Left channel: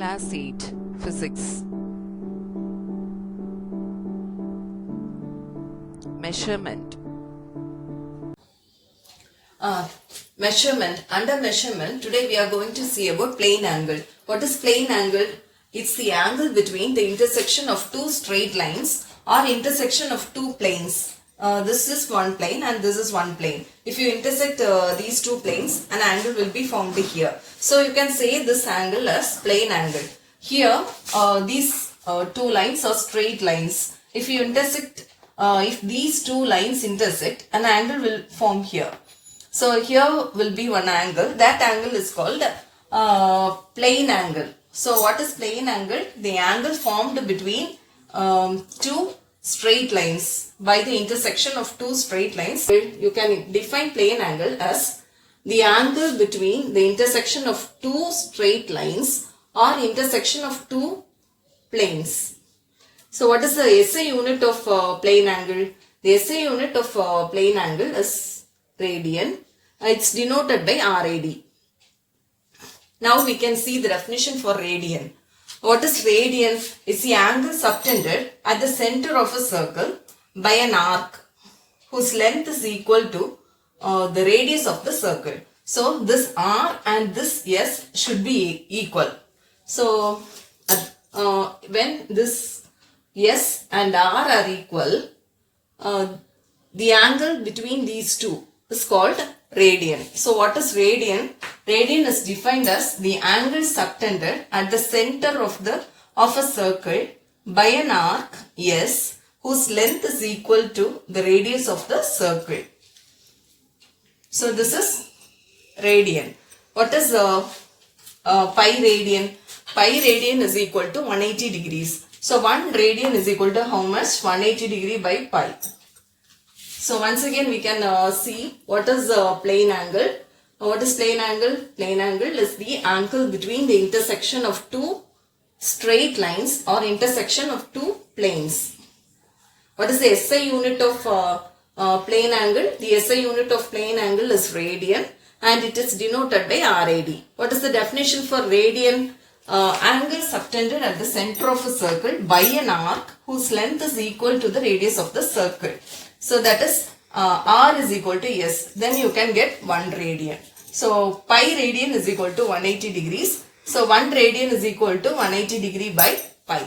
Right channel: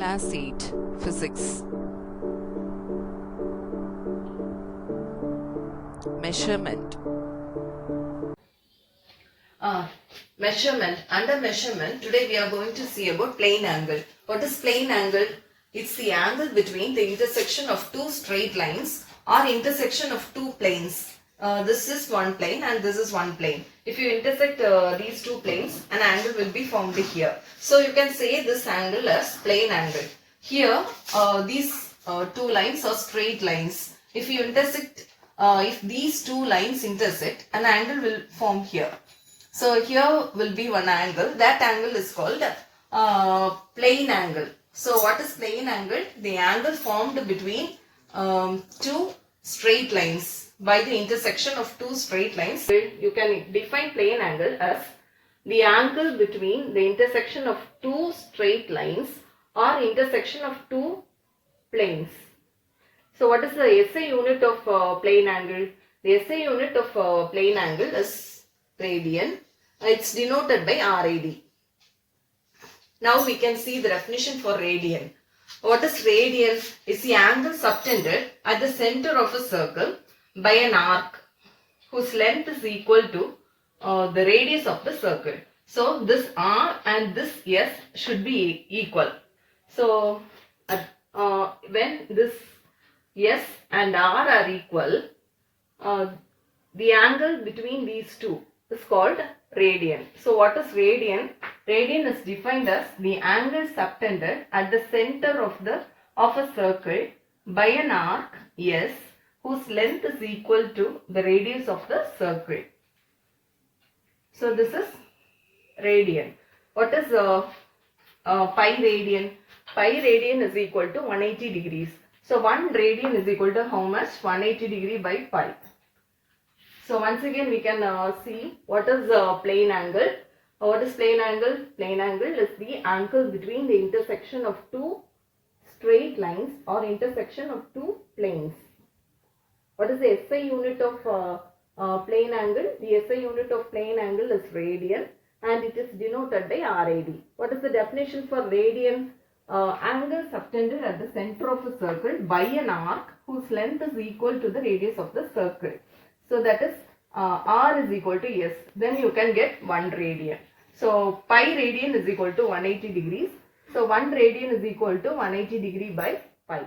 Class 8 Physics. Measurement. Under measurement, today we are going to see about plane angle. What is plane angle? It's the angle between the intersection of two straight lines or intersection of two planes. This is one plane and this is one plane. If you intersect these two planes, an angle will be formed here. So you can say this angle as plane angle. Here, these two lines are straight lines. If you intersect, if these two lines intersect, an angle will form here. So here will be one angle. That angle is called plane angle. So what is plane angle? The angle formed between two straight lines by the intersection of two straight lines. You can define plane angle as the angle between the intersection of two straight lines or intersection of two planes. So what is the SI unit of plane angle? The SI unit of plane angle is radian. It's denoted by RAD. Now we can see the definition for radian. What is radian? It's the angle subtended at the center of a circle by an arc whose length is equal to the radius of the circle. So this R and this S should be equal. So when this S and R are equal, the angle between these two is called radian. So what is radian? Radian is defined as the angle subtended at the center of a circle by an arc S whose length is equal to the radius of the circle. So this is radian. What is pi radian? Pi radian is equal to 180 degrees. So 1 radian is equal to how much? 180 degree by pi. So once again we can see what is plane angle. What is plane angle? Plane angle is the angle between the intersection of two straight lines or intersection of two planes. What is the SI unit of plane angle? The SI unit of plane angle is radian and it is denoted by RAD. What is the definition for radian? Angle subtended at the center of a circle by an arc whose length is equal to the radius of the circle. So that is R is equal to S. Then you can get 1 radian. So pi radian is equal to 180 degrees. So 1 radian is equal to 180 degree by pi.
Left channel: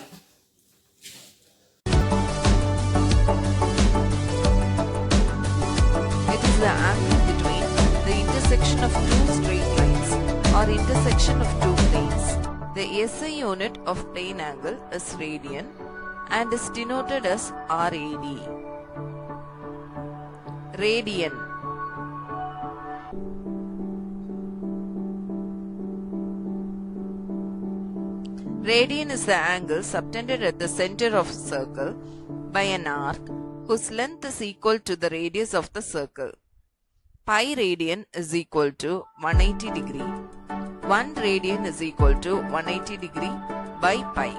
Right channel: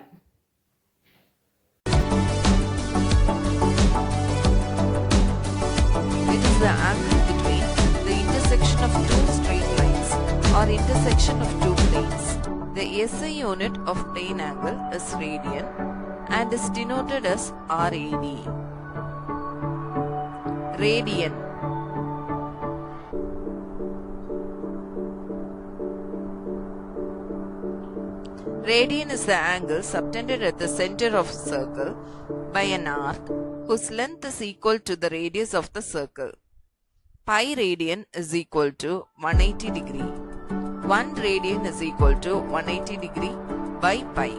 It is the angle between the intersection of two straight lines or intersection of two planes. The SI unit of plane angle is radian and is denoted as RAD. Radian. Radian is the angle subtended at the center of a circle by an arc whose length is equal to the radius of the circle. Pi radian is equal to 180 degree. 1 radian is equal to 180 degree by pi.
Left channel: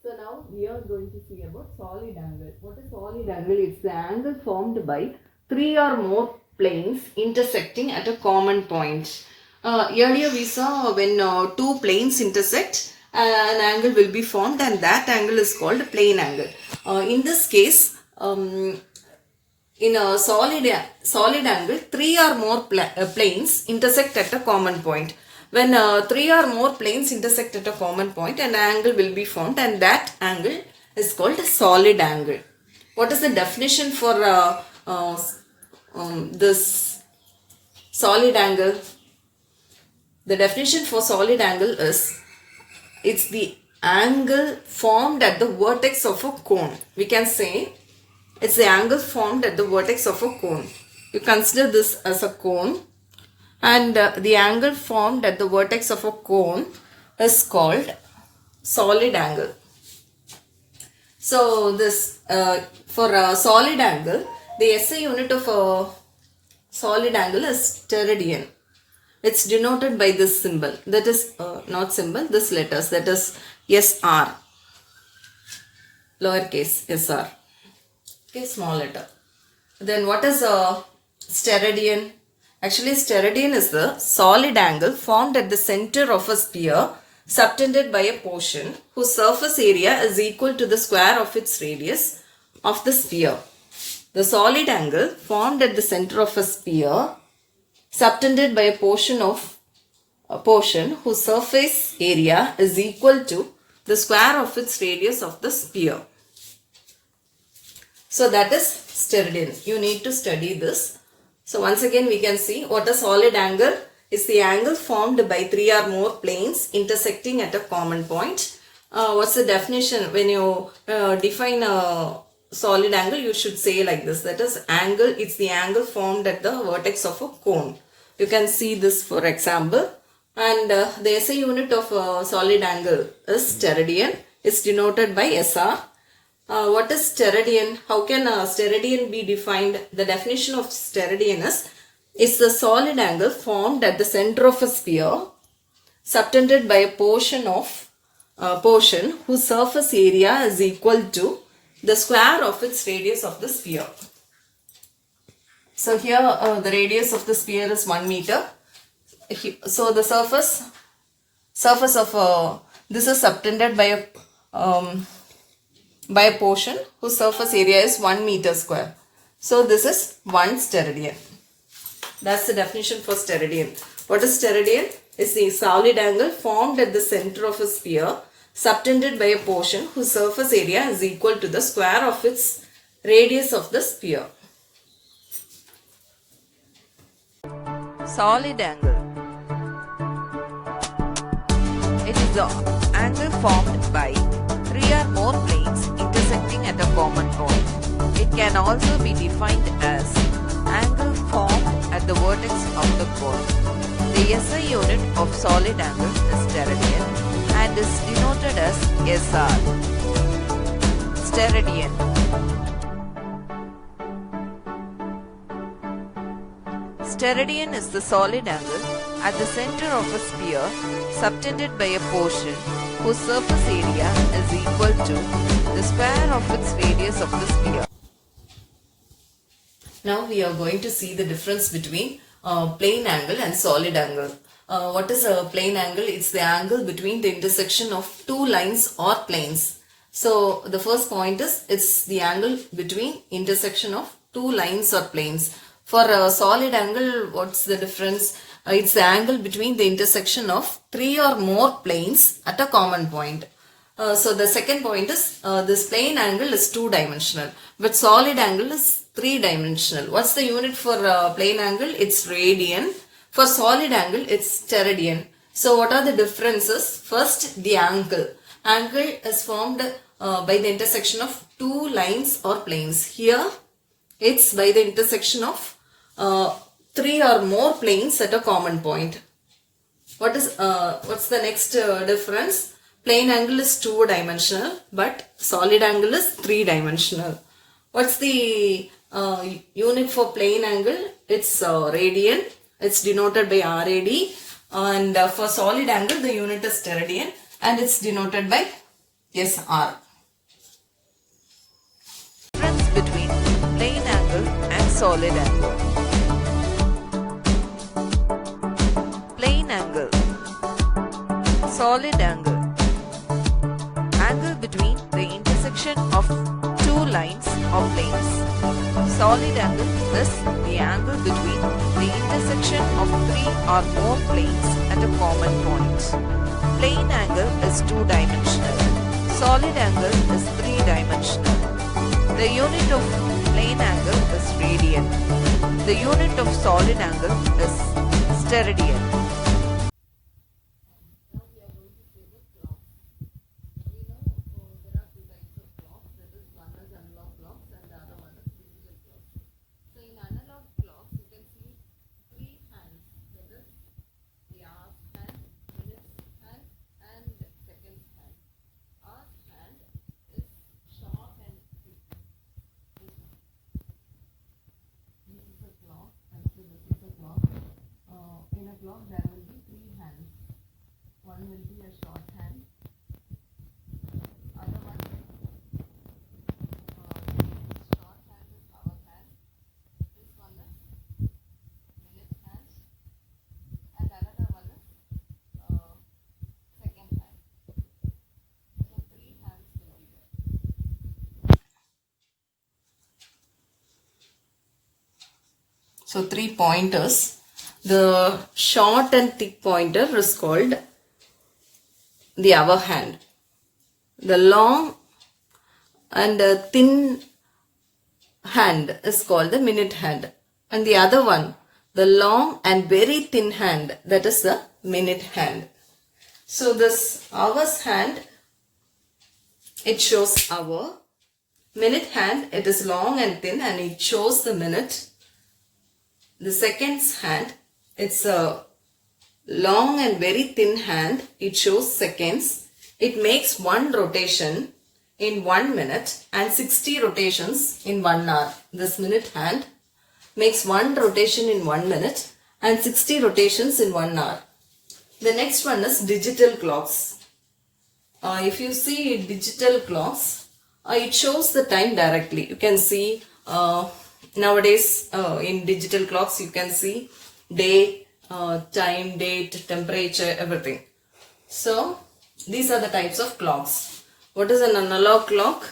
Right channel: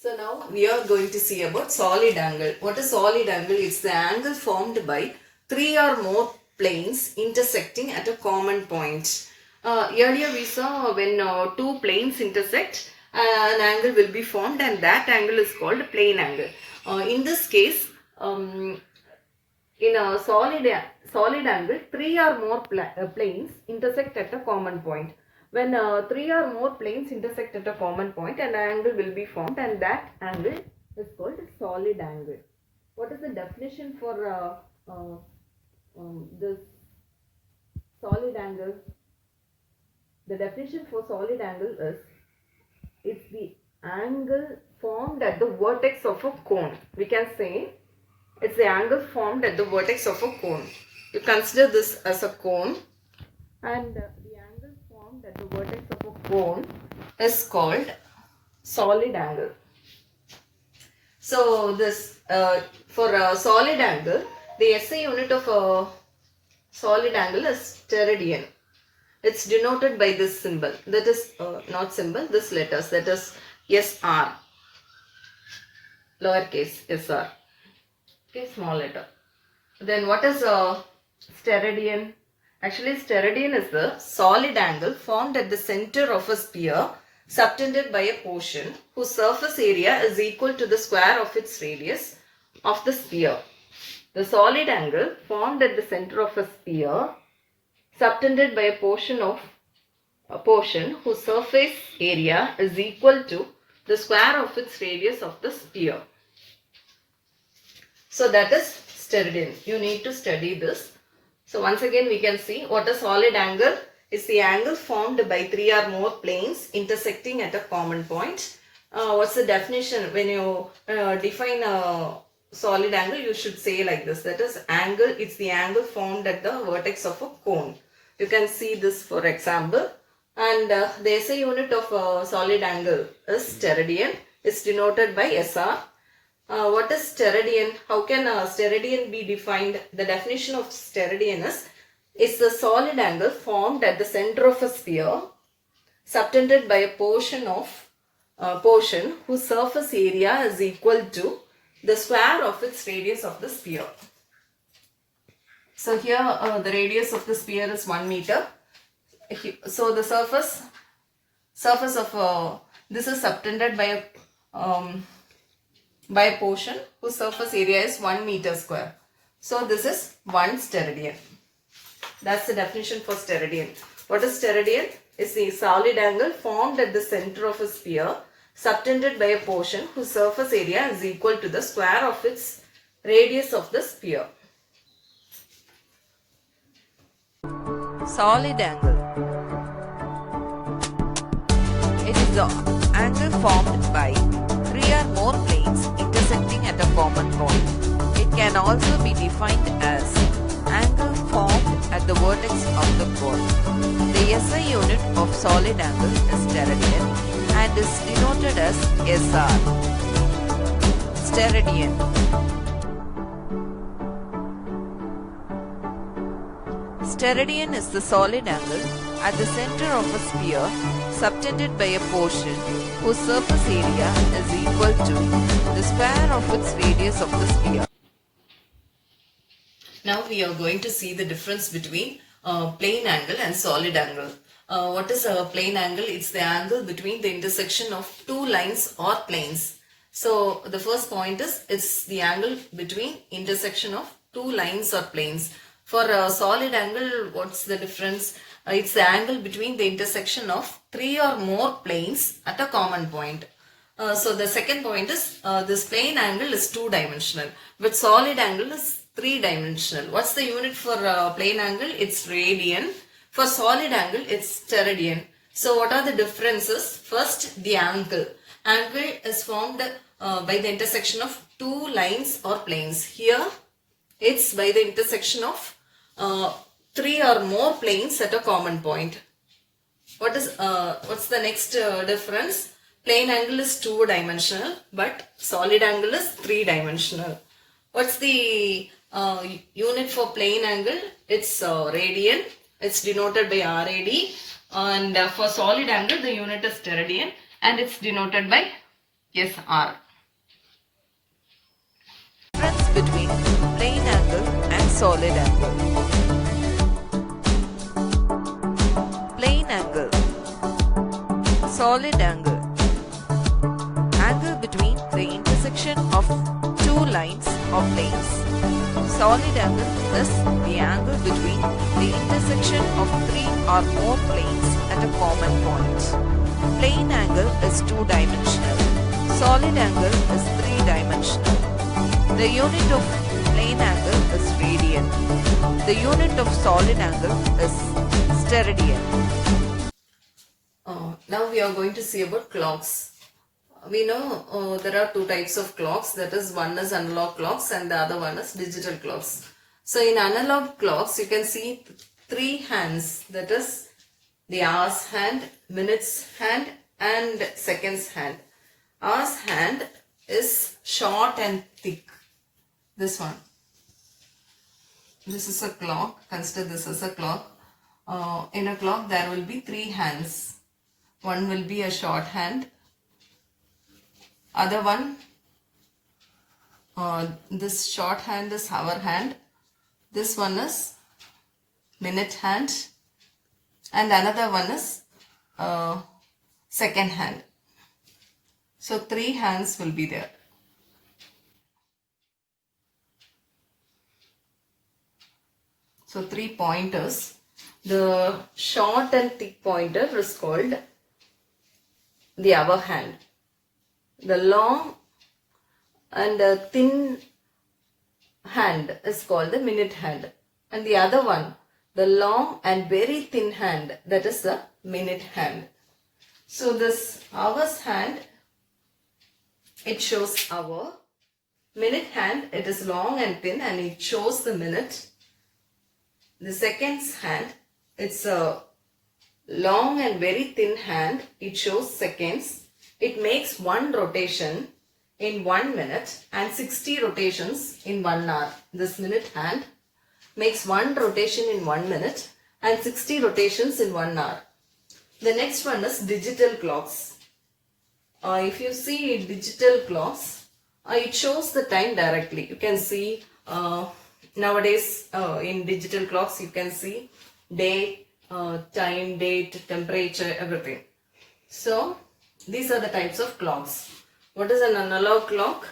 So now we are going to see about solid angle. What is solid angle? It's the angle formed by 3 or more planes intersecting at a common point. Earlier we saw when two planes intersect, an angle will be formed and that angle is called plane angle. In this case, in a solid angle, 3 or more planes intersect at a common point. When 3 or more planes intersect at a common point, an angle will be formed and that angle is called a solid angle. What is the definition for this solid angle? The definition for solid angle is, it's the angle formed at the vertex of a cone. We can say it's the angle formed at the vertex of a cone. You consider this as a cone. And the angle formed at the vertex of a cone is called solid angle. So this for a solid angle, the SI unit of a solid angle is steradian. It's denoted by this symbol. That is not symbol, this letters. That is SR. Lowercase SR. Okay, small letter. Then what is Steradian? Actually, steradian is the solid angle formed at the center of a sphere subtended by a portion whose surface area is equal to the square of its radius of the sphere. The solid angle formed at the center of a sphere subtended by a portion whose surface area is equal to the square of its radius of the sphere. So that is Steradian. You need to study this. So once again we can see what a solid angle is. The angle formed by three or more planes intersecting at a common point. What's the definition? When you define a solid angle, you should say like this. That is angle, it's the angle formed at the vertex of a cone. You can see this for example. And the SI unit of a solid angle is steradian. It's denoted by SR. What is steradian? How can a steradian be defined? The definition of steradian is the solid angle formed at the center of a sphere subtended by a portion whose surface area is equal to the square of its radius of the sphere. So here the radius of the sphere is 1 meter. So the surface of this is subtended by a portion whose surface area is 1 meter square. So this is 1 steradian. That's the definition for steradian. What is steradian? It's the solid angle formed at the center of a sphere subtended by a portion whose surface area is equal to the square of its radius of the sphere. Solid angle. It is the angle formed by three or more planes intersecting at a common point. It can also be defined as angle formed at the vertex of the cone. The SI unit of solid angle is steradian and is denoted as SR. Steradian. Steradian is the solid angle at the center of a sphere subtended by a portion whose surface area is equal to the square of its radius of the sphere. Now we are going to see the difference between plane angle and solid angle. What is a plane angle? It's the angle between the intersection of two lines or planes. So the first point is it's the angle between intersection of two lines or planes. For a solid angle, what's the difference? It's the angle between the intersection of three or more planes at a common point. So the second point is this plane angle is two-dimensional, but solid angle is three-dimensional. What's the unit for plane angle? It's radian. For solid angle, it's steradian. So what are the differences? First, the angle. Angle is formed by the intersection of two lines or planes. Here, it's by the intersection of three or more planes at a common point. What's the next difference? Plane angle is two-dimensional, but solid angle is three-dimensional. What's the unit for plane angle? It's radian. It's denoted by RAD. And for solid angle, the unit is steradian and it's denoted by SR. Difference between plane angle and solid angle. Plane angle. Solid angle. Angle between the intersection of two lines or planes. Solid angle is the angle between the intersection of three or more planes at a common point. Plane angle is two-dimensional. Solid angle is three-dimensional. The unit of plane angle is radian. The unit of solid angle is steradian. Now we are going to see about clocks. We know there are two types of clocks, that is one is analog clocks and the other one is digital clocks. So in analog clocks you can see three hands, that is the hours hand, minutes hand and seconds hand. Hours hand is short and thick. This one. This is a clock. Consider this as a clock. In a clock there will be three hands. One will be a short hand. Other one, this short hand is hour hand. This one is minute hand. And another one is second hand. So 3 hands will be there. So 3 pointers. The short and thick pointer is called the hour hand. The long and thin hand is called the minute hand. And the other one, the long and very thin hand, that is the minute hand. So this hour's hand, it shows hour. Minute hand, it is long and thin and it shows the minute. The seconds hand, it's a long and very thin hand. It shows seconds. It makes one rotation in 1 minute and 60 rotations in 1 hour. This minute hand makes one rotation in 1 minute and 60 rotations in 1 hour. The next one is digital clocks. If you see digital clocks, it shows the time directly. You can see nowadays in digital clocks you can see day, time, date, temperature, everything. So these are the types of clocks. What is an analog clock?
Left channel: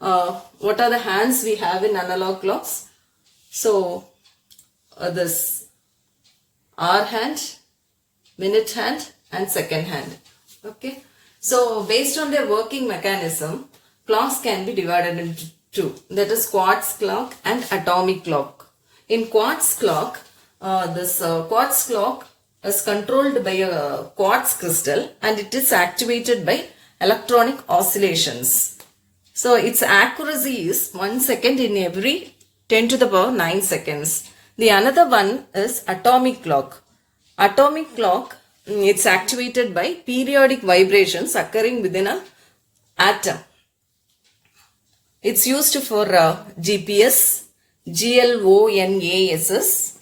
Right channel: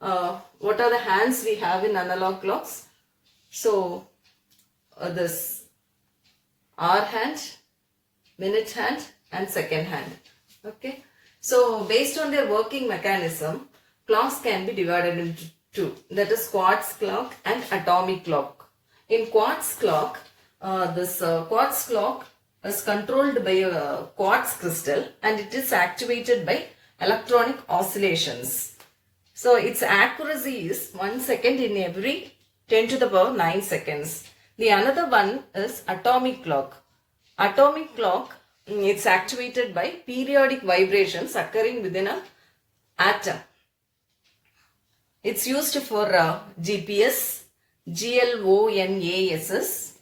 What are the hands we have in analog clocks? So this hour hand, minute hand and second hand. Okay. So based on their working mechanism, clocks can be divided into two. That is quartz clock and atomic clock. In quartz clock, this quartz clock is controlled by a quartz crystal and it is activated by electronic oscillations. So its accuracy is 1 second in every 10 to the power 9 seconds. The another one is atomic clock. Atomic clock, it's activated by periodic vibrations occurring within an atom. It's used for GPS, GLONASS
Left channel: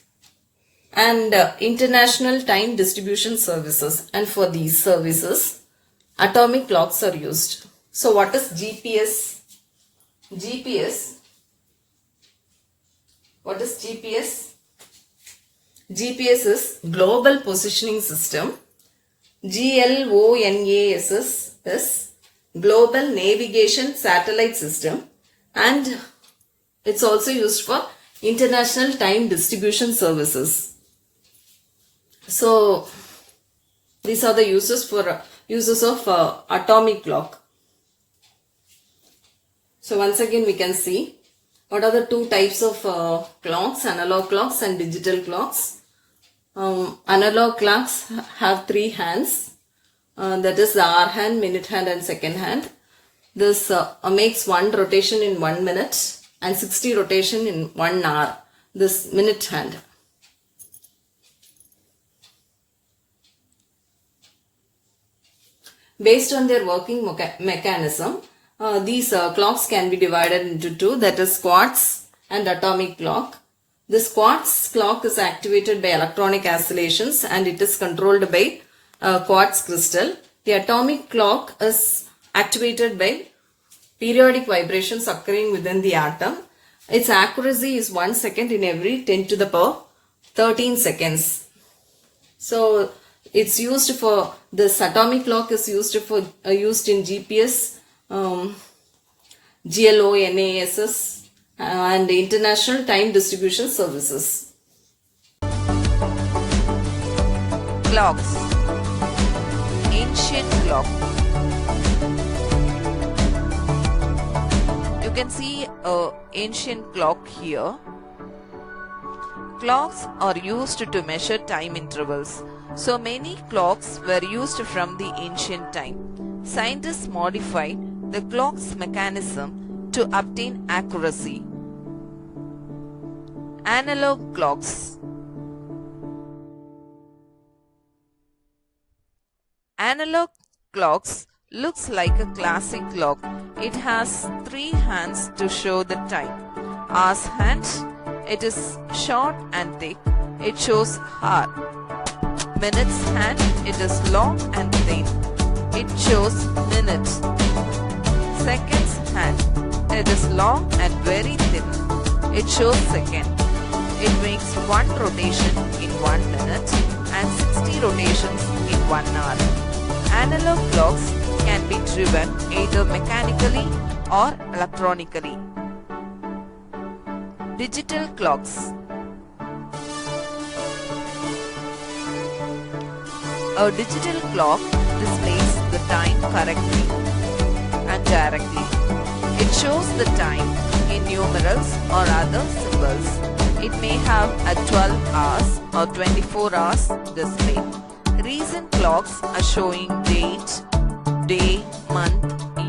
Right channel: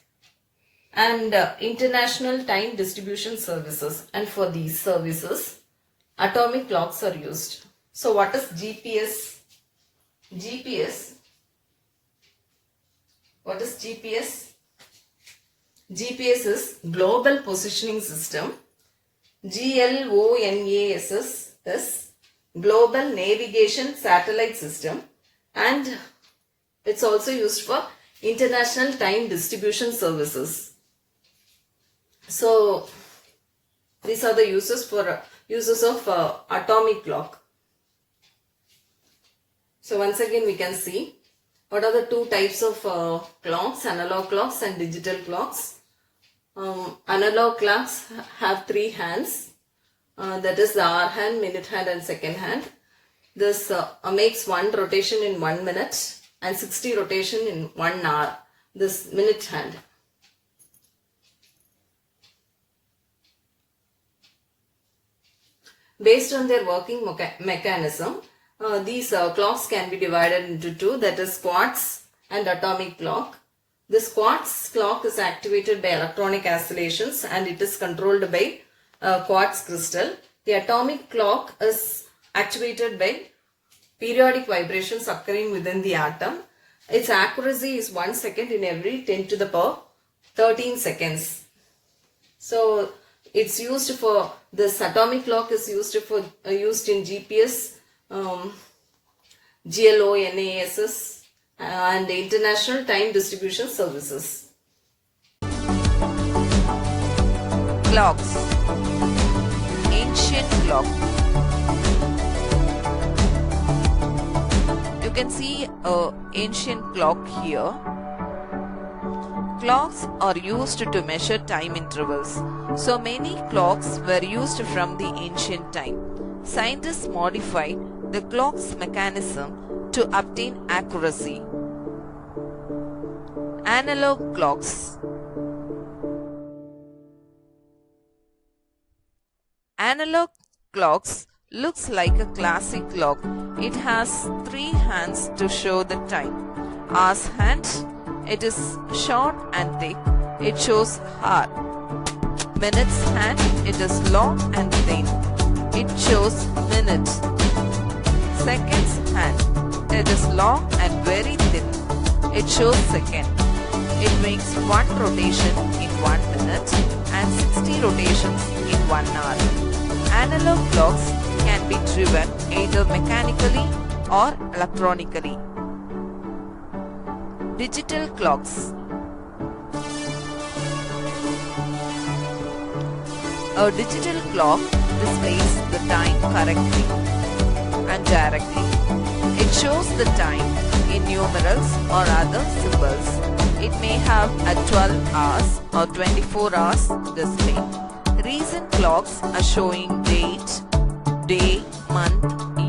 and International Time Distribution Services. And for these services, atomic clocks are used. So what is GPS? What is GPS? GPS is Global Positioning System. GLONASS is Global Navigation Satellite System. And it's also used for International Time Distribution Services. So these are the uses of atomic clock. So once again we can see what are the two types of clocks, analog clocks and digital clocks. Analog clocks have 3 hands, that is the hour hand, minute hand and second hand. This makes one rotation in 1 minute and 60 rotation in 1 hour, this minute hand. Based on their working mechanism, these clocks can be divided into two, that is quartz and atomic clock. This quartz clock is activated by electronic oscillations and it is controlled by quartz crystal. The atomic clock is activated by periodic vibrations occurring within the atom. Its accuracy is 1 second in every 10 to the power 13 seconds. So it's used for, this atomic clock is used in GPS, GLONASS and International Time Distribution Services. Clocks. Ancient clock. You can see an ancient clock here. Clocks are used to measure time intervals. So many clocks were used from the ancient time. Scientists modified the clock's mechanism to obtain accuracy. Analog clocks. Analog clocks looks like a classic clock. It has 3 hands to show the time. Hour's hand, it is short and thick. It shows hour. Minute's hand, it is long and thin. It shows minute. Seconds hand, it is long and very thin. It shows second. It makes one rotation in 1 minute and 60 rotations in 1 hour. Analog clocks can be driven either mechanically or electronically. Digital clocks. A digital clock displays the time correctly and directly. It shows the time in numerals or other symbols. It may have a 12 hours or 24 hours display. Recent clocks are showing date, day, month,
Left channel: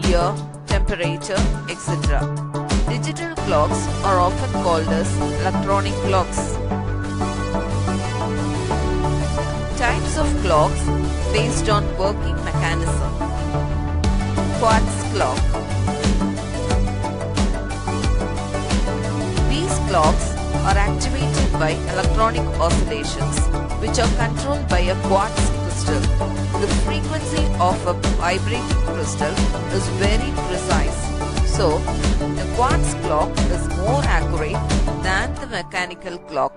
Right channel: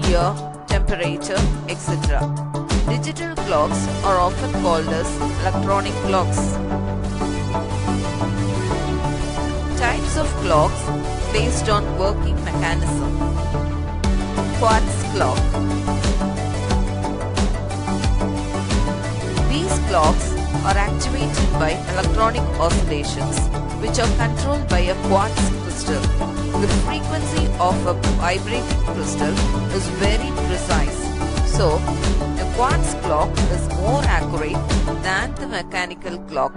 year, temperature, etc. Digital clocks are often called as electronic clocks. Types of clocks based on working mechanism. Quartz clock. These clocks are activated by electronic oscillations, which are controlled by a quartz crystal. The frequency of a vibrating crystal is very precise, so the quartz clock is more accurate than the mechanical clock.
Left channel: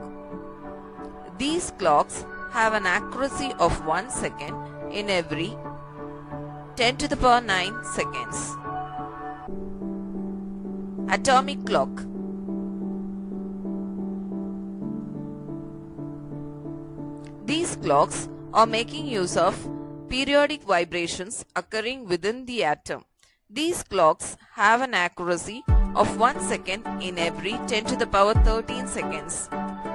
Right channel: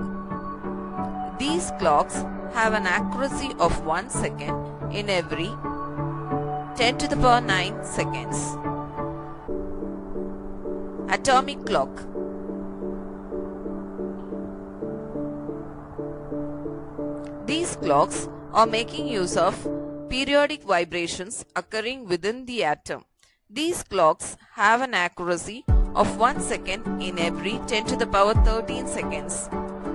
These clocks have an accuracy of 1 second in every 10 to the power 9 seconds. Atomic clock. These clocks are making use of periodic vibrations occurring within the atom. These clocks have an accuracy of 1 second in every 10 to the power 13 seconds.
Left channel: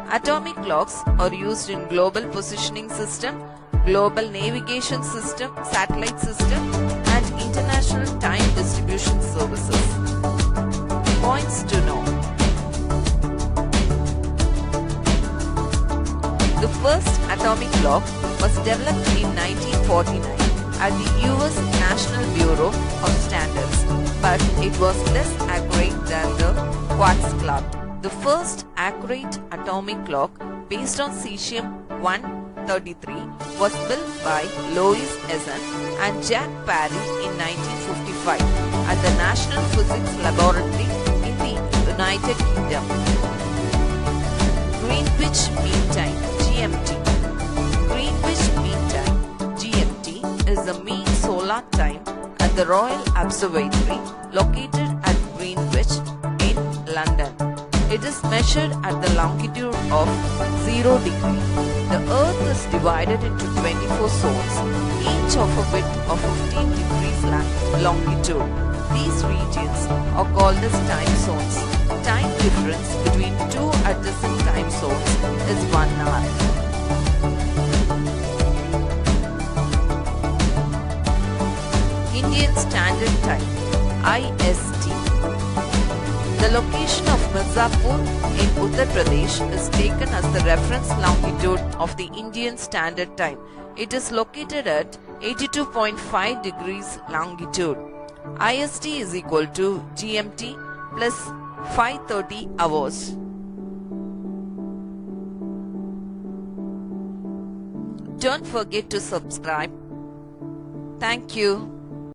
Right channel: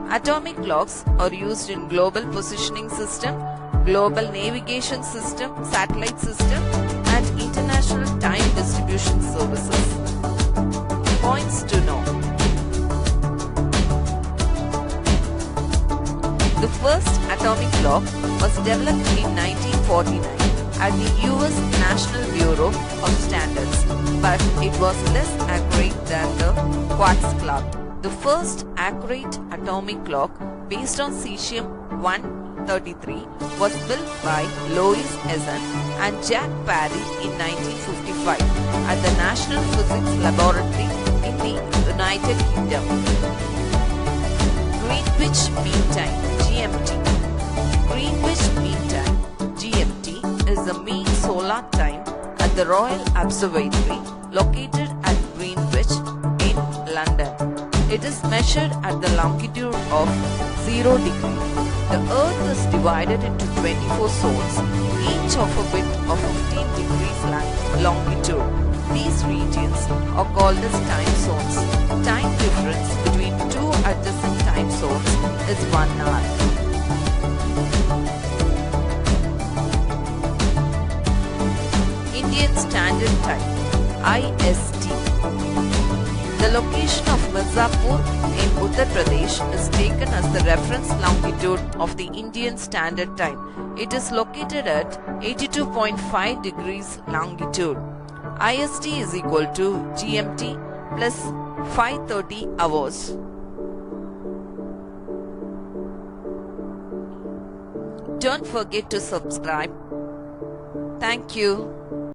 Atomic clocks are used in global positioning system, global navigation system, satellite system, and international time distribution services. Points to know. The first atomic clock was developed in 1949 at the US National Bureau of Standards, but it was less accurate than the quartz clock. The first accurate atomic clock based on cesium-133 was built by Louis Essen and Jack Parry in 1955 at the National Physics Laboratory in the United Kingdom. Greenwich Mean Time (GMT). Greenwich Mean Time (GMT) is the mean solar time at the Royal Observatory located at Greenwich in London. It is measured at the longitude of 0 degree. The Earth is divided into 24 zones, each of a width of 15 degrees longitude. These regions are called as time zones. Time difference between two adjacent time zones is 1 hour. Indian Standard Time (IST). The location of Mirzapur in Uttar Pradesh is taken as the reference longitude of the Indian Standard Time. It is located at 82.5 degrees longitude. IST is equal to GMT plus 530 hours. Don't forget to subscribe. Thank you.